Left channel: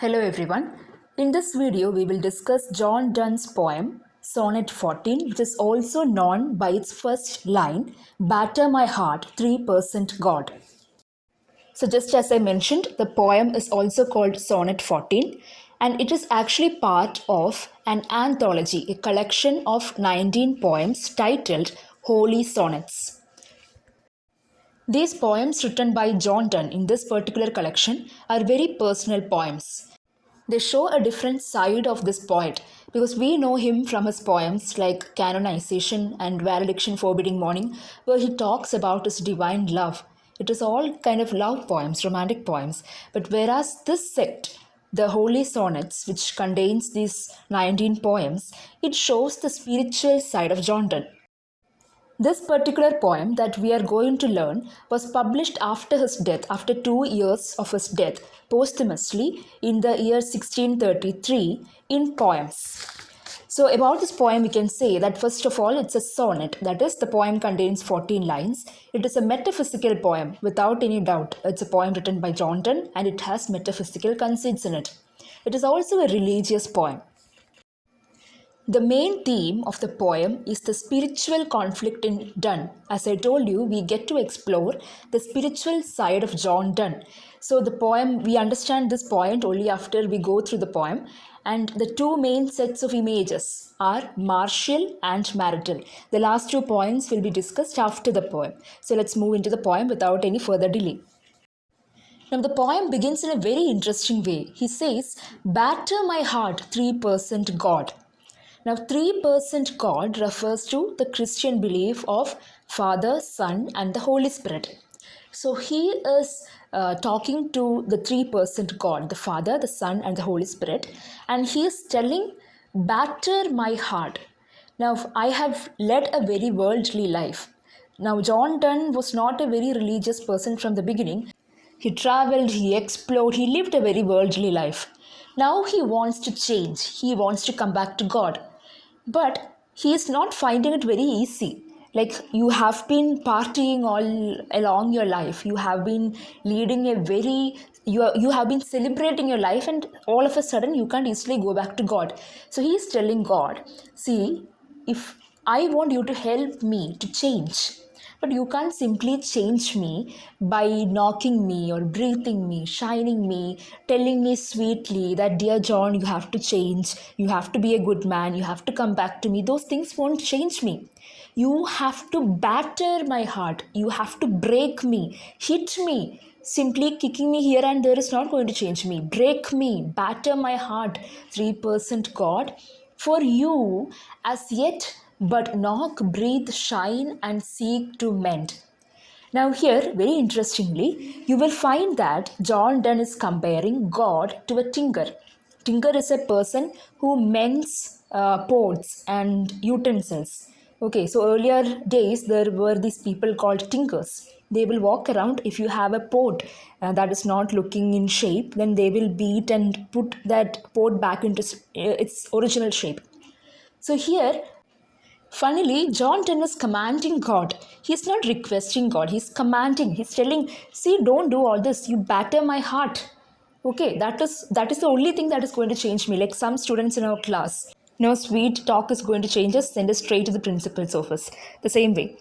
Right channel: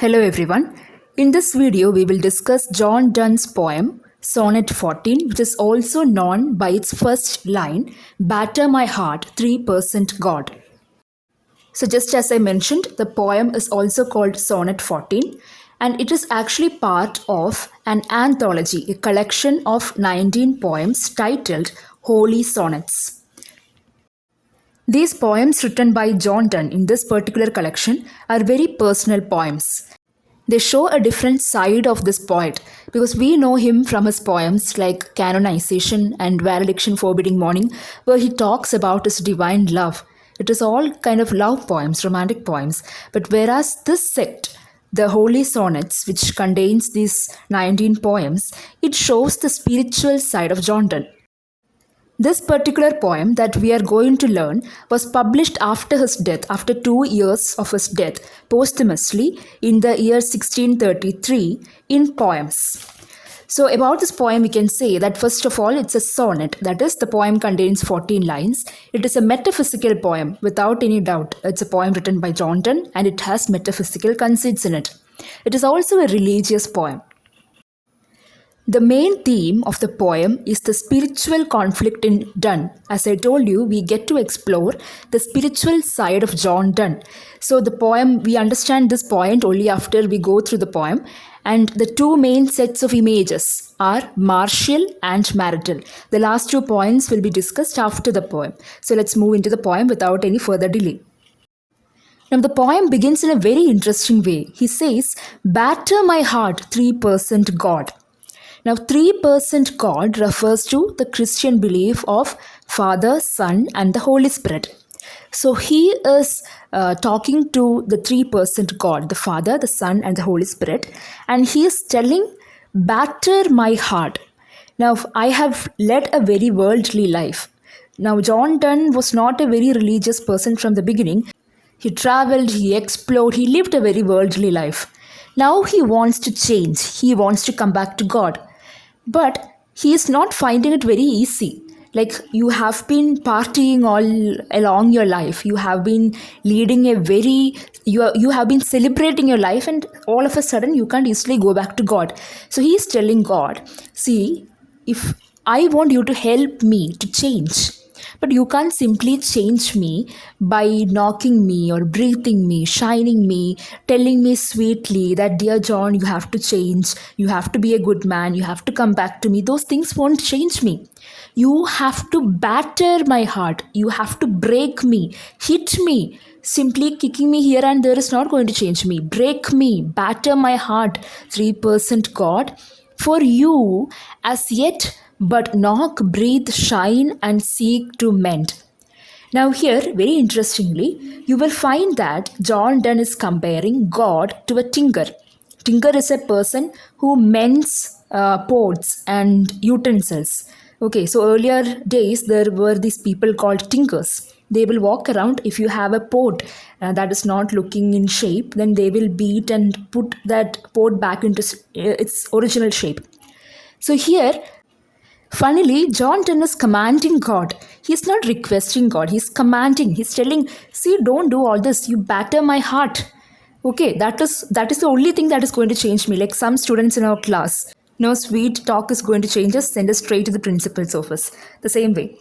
Hello everyone. In this video, we will discuss John Donne's poem Sonnet 14, which is also known by its first line, Batter my heart, 3% God. So just as I mentioned, the poem is also called Sonnet 14 and it is actually part of an anthology, a collection of 19 poems titled Holy Sonnets. These poems written by John Donne in this particular collection are very personal poems. They show a different side of this poet because we know him from his poems like Canonization and Valediction Forbidding Morning, where he talks about his divine love. It is all kind of love poems, romantic poems. But whereas this sect, the Holy Sonnets, which contains these 19 poems, it shows the spiritual side of John Donne. This particular poem that we are going to learn was published after his death, after 2 years of his death, posthumously in the year 1633 in poems. So about this poem, we can say that first of all, it's a sonnet. That is, the poem contains 14 lines. It is a metaphysical poem, without any doubt. It's a poem written by John Donne and it has metaphysical conceits in it. It is also a religious poem. The main theme of the poem is the spiritual conflict in Donne. As I told you, we get to explore the spiritual side of John Donne. So the poem, we understand this point only after we go through the poem. And the two main sets of images are martial and marital. The last 2 points will be discussed after the poem. So let's move into the poem without any further delay. Now the poem begins in a very interesting way. He says, "Batter my heart, 3% God." Now, 3% God refers to the Christian belief of Father, Son, and the Holy Spirit. So, he is talking to the 3% God, the Father, the Son, and the Holy Spirit, and he is telling, "Batter my heart." Now, I have led a very worldly life. Now, John Donne was not a very religious person from the beginning. He traveled, he explored, he lived a very worldly life. Now, he wants to change. He wants to come back to God. But he is not finding it very easy. Like, you have been partying all along your life. You have been leading a very, you have been celebrating your life, and all of a sudden you can't easily go back to God. So he is telling God, see, if I want you to help me to change, but you can't simply change me by knocking me or breathing me, shining me, telling me sweetly that, "Dear John, you have to change, you have to be a good man, you have to come back to me." Those things won't change me. You have to batter my heart. You have to break me, hit me. Simply kicking me here and there is not going to change me. Break me, batter my heart, 3% God. For you, as yet, but knock, breathe, shine, and seek to mend. Now here, very interestingly, you will find that John Donne is comparing God to a tinker. Tinker is a person who mends pots and utensils. Okay, so earlier days, there were these people called tinkers. They will walk around. If you have a pot that is not looking in shape, then they will beat and put that pot back into its original shape. So here, funnily, John Donne is commanding God. He's not requesting God. He's commanding. He's telling, see, don't do all this. You batter my heart. Okay, that is the only thing that is going to change me. Like some students in our class, no sweet talk is going to change us. Send us straight to the principal's office. The same way.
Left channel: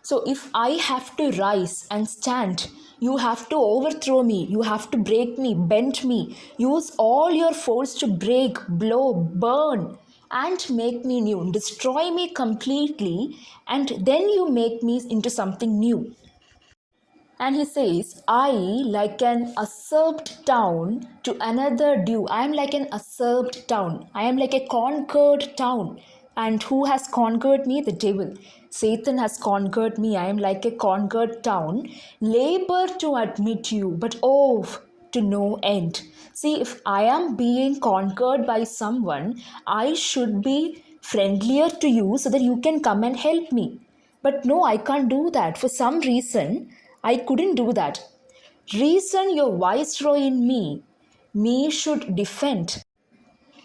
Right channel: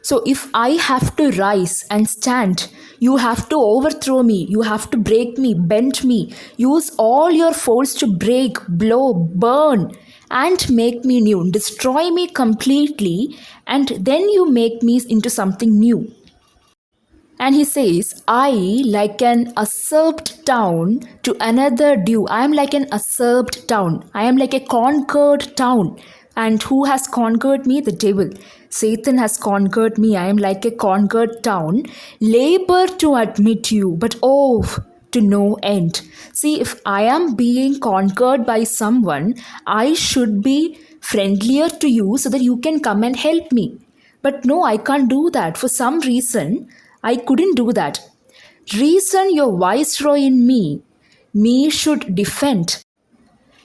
So if I have to rise and stand, you have to overthrow me, you have to break me, bend me, use all your force to break, blow, burn, and make me new, destroy me completely, and then you make me into something new. And he says, I, like an usurped town to another due. I am like an usurped town. I am like a conquered town. And who has conquered me? The devil. Satan has conquered me. I am like a conquered town. Labor to admit you, but oh, to no end. See, if I am being conquered by someone, I should be friendlier to you so that you can come and help me. But no, I can't do that. For some reason, I couldn't do that. Reason your viceroy in me should defend,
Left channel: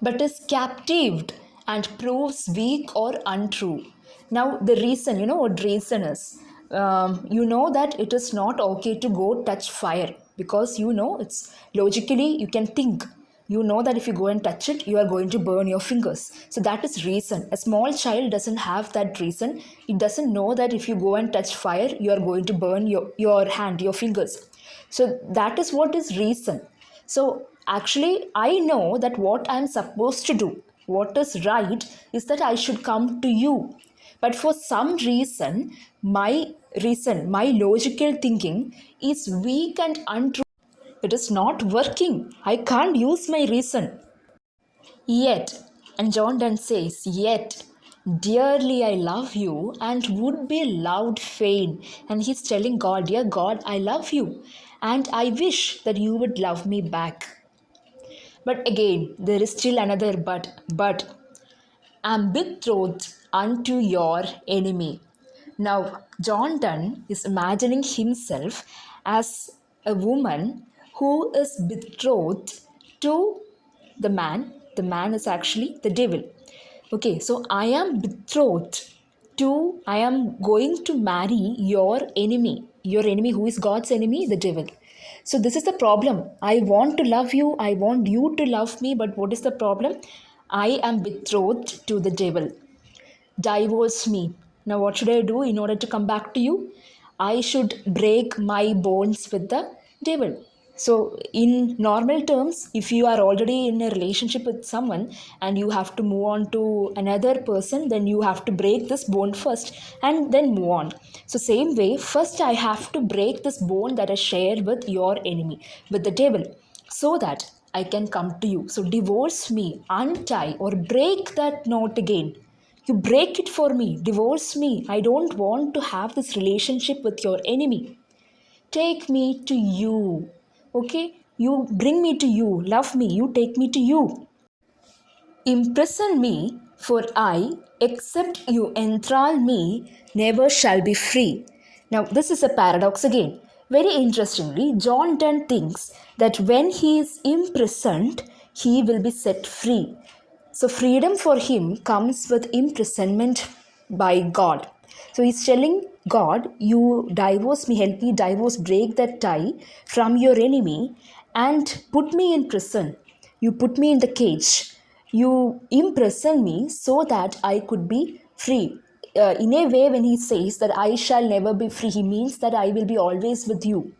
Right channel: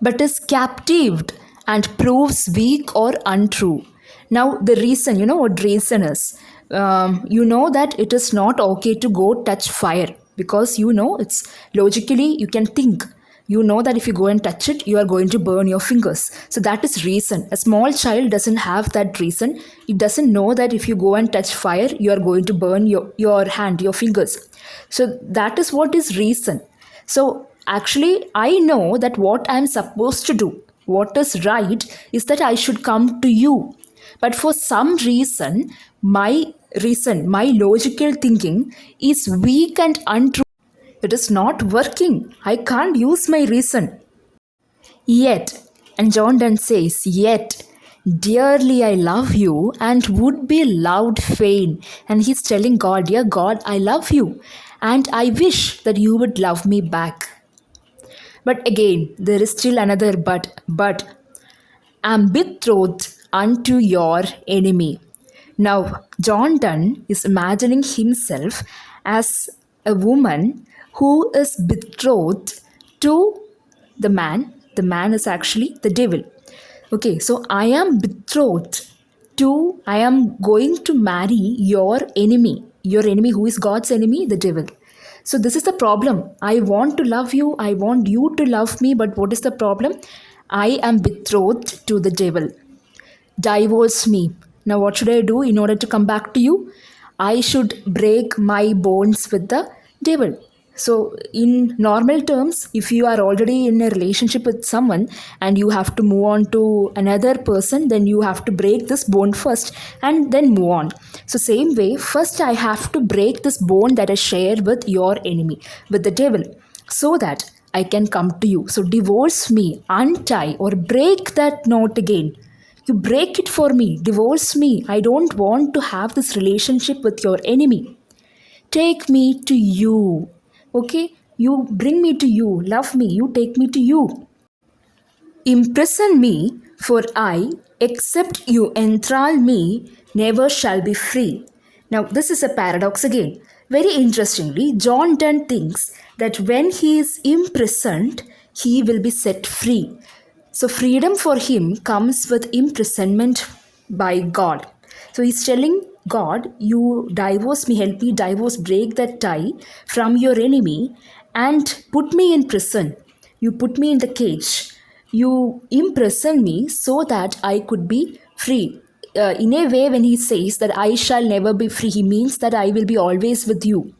but is captived and proves weak or untrue. Now, the reason, you know what reason is? You know that it is not okay to go touch fire. because you know it's logically you can think. You know that if you go and touch it, you are going to burn your fingers. So that is reason. A small child doesn't have that reason. It doesn't know that if you go and touch fire, you are going to burn your hand, your fingers. So that is what is reason. So actually, I know that what I'm supposed to do, what is right, is that I should come to you. But for some reason, my logical thinking is weak and untrue. It is not working. I can't use my reason. Yet, and John Donne says, yet, dearly I love you and would be loved fain. And he's telling God, dear God, I love you and I wish that you would love me back. But again, there is still another but am betrothed unto your enemy. Now, John Donne is imagining himself as a woman who is betrothed to the man. The man is actually the devil. Okay, so I am betrothed to, I am going to marry your enemy who is God's enemy, the devil. So this is the problem. I want to love you, I want you to love me, but what is the problem? I am betrothed to the devil. Divorce me. Now, what should I do in order to come back to you? I should break my bonds with the devil. So, in normal terms, if you are already in a relationship with someone and you have to move on to another person, then you have to break this bond first and then move on. So, same way, first I have to break this bond that I share with your enemy, with the devil, so that I can come to you. So, divorce me, untie or break that knot again. You break it for me, divorce me. I don't want to have this relationship with your enemy. Take me to you. Okay? You bring me to you. Love me. You take me to you. Imprison me, for I, except you enthrall me, never shall be free. Now, this is a paradox again. Very interestingly, John Donne thinks that when he is imprisoned, he will be set free. So, freedom for him comes with imprisonment by God. So, he's telling God, you divorce me, help me divorce, break that tie from your enemy and put me in prison. You put me in the cage. You imprison me so that I could be free. In a way, when he says that I shall never be free, he means that I will be always with you.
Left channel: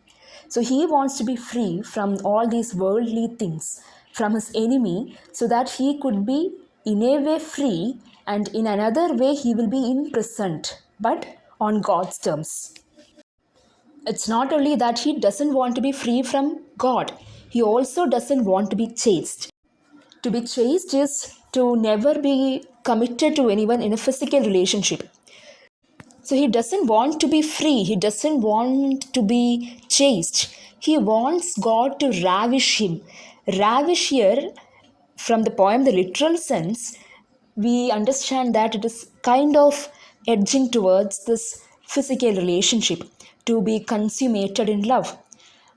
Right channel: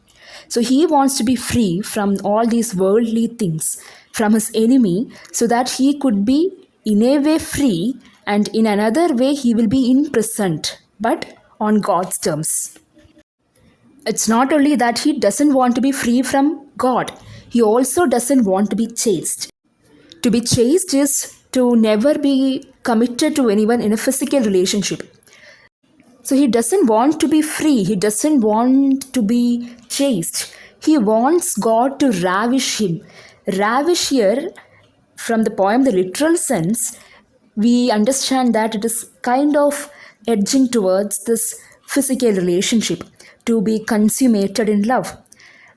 So he wants to be free from all these worldly things, from his enemy, so that he could be in a way free, and in another way he will be imprisoned, but on God's terms. It's not only that he doesn't want to be free from God, he also doesn't want to be chased. To be chaste is to never be committed to anyone in a physical relationship. So he doesn't want to be free. He doesn't want to be chaste. He wants God to ravish him. Ravish here, from the poem, the literal sense, we understand that it is kind of edging towards this physical relationship, to be consummated in love.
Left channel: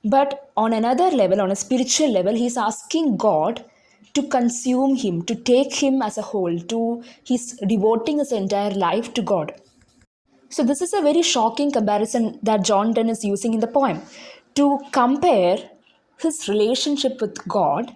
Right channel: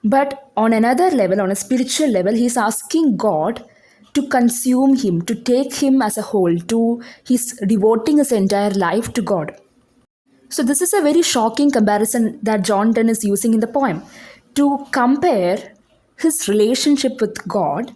But on another level, on a spiritual level, he's asking God to consume him, to take him as a whole, he's devoting his entire life to God. So this is a very shocking comparison that John Donne is using in the poem, to compare his relationship with God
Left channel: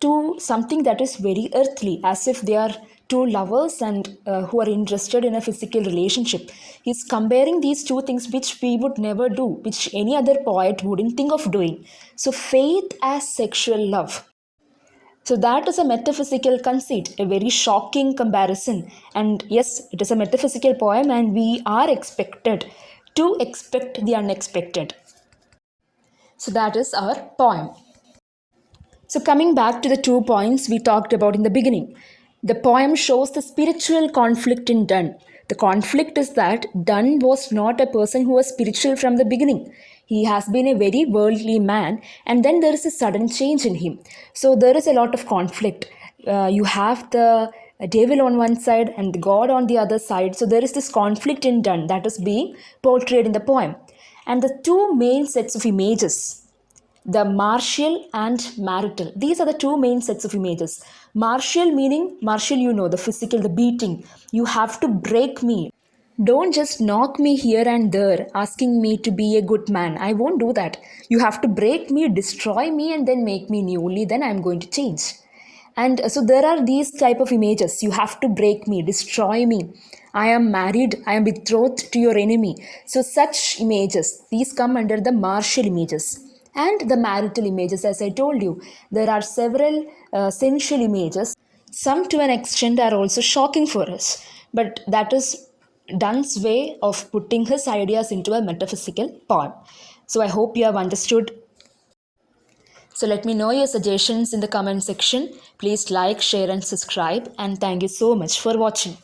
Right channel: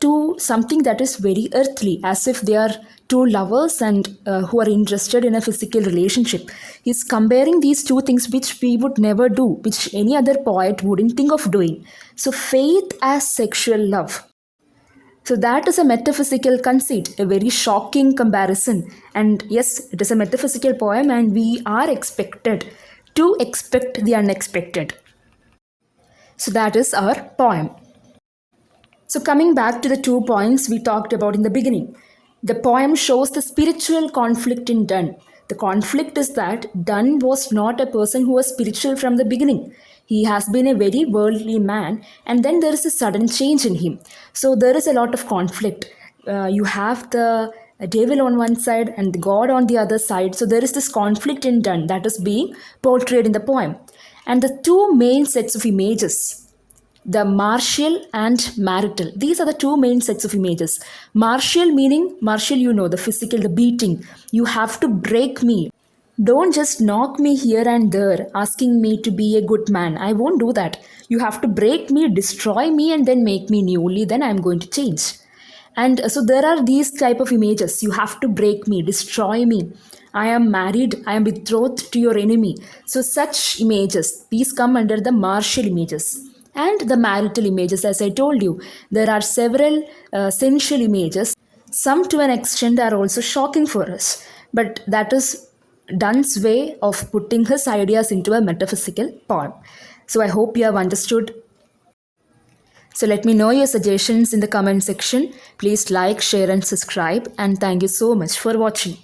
to something that is very earthly, as if they are two lovers and who are interested in a physical relationship. He's comparing these two things which we would never do, which any other poet wouldn't think of doing. So faith as sexual love. So that is a metaphysical conceit, a very shocking comparison. And yes, it is a metaphysical poem and we are expected to expect the unexpected. So that is our poem. So coming back to the 2 points we talked about in the beginning, the poem shows the spiritual conflict in Donne. The conflict is that Donne was not a person who was spiritual from the beginning. He has been a very worldly man, and then there is a sudden change in him. So there is a lot of conflict. You have the devil on one side and God on the other side. So there is this conflict in Donne that is being portrayed in the poem. And the two main sets of images, the martial and marital. These are the two main sets of images. Martial meaning, martial, you know, the physical, the beating. You have to break me. Don't just knock me here and there, asking me to be a good man. I won't do that. You have to break me, destroy me, and then make me newly. Then I'm going to change. And so there are these type of images. You have to break me, destroy me. I am married. I am betrothed to your enemy. So such images, these come under the martial images. And the marital images, as I told you, there are several sensual images. Some to an extent are also shocking for us, but that is Donne's way of putting his ideas into a metaphysical poem. So I hope you have understood. So let me know your suggestions in the comment section. Please like, share, and subscribe. And thank you so much for watching.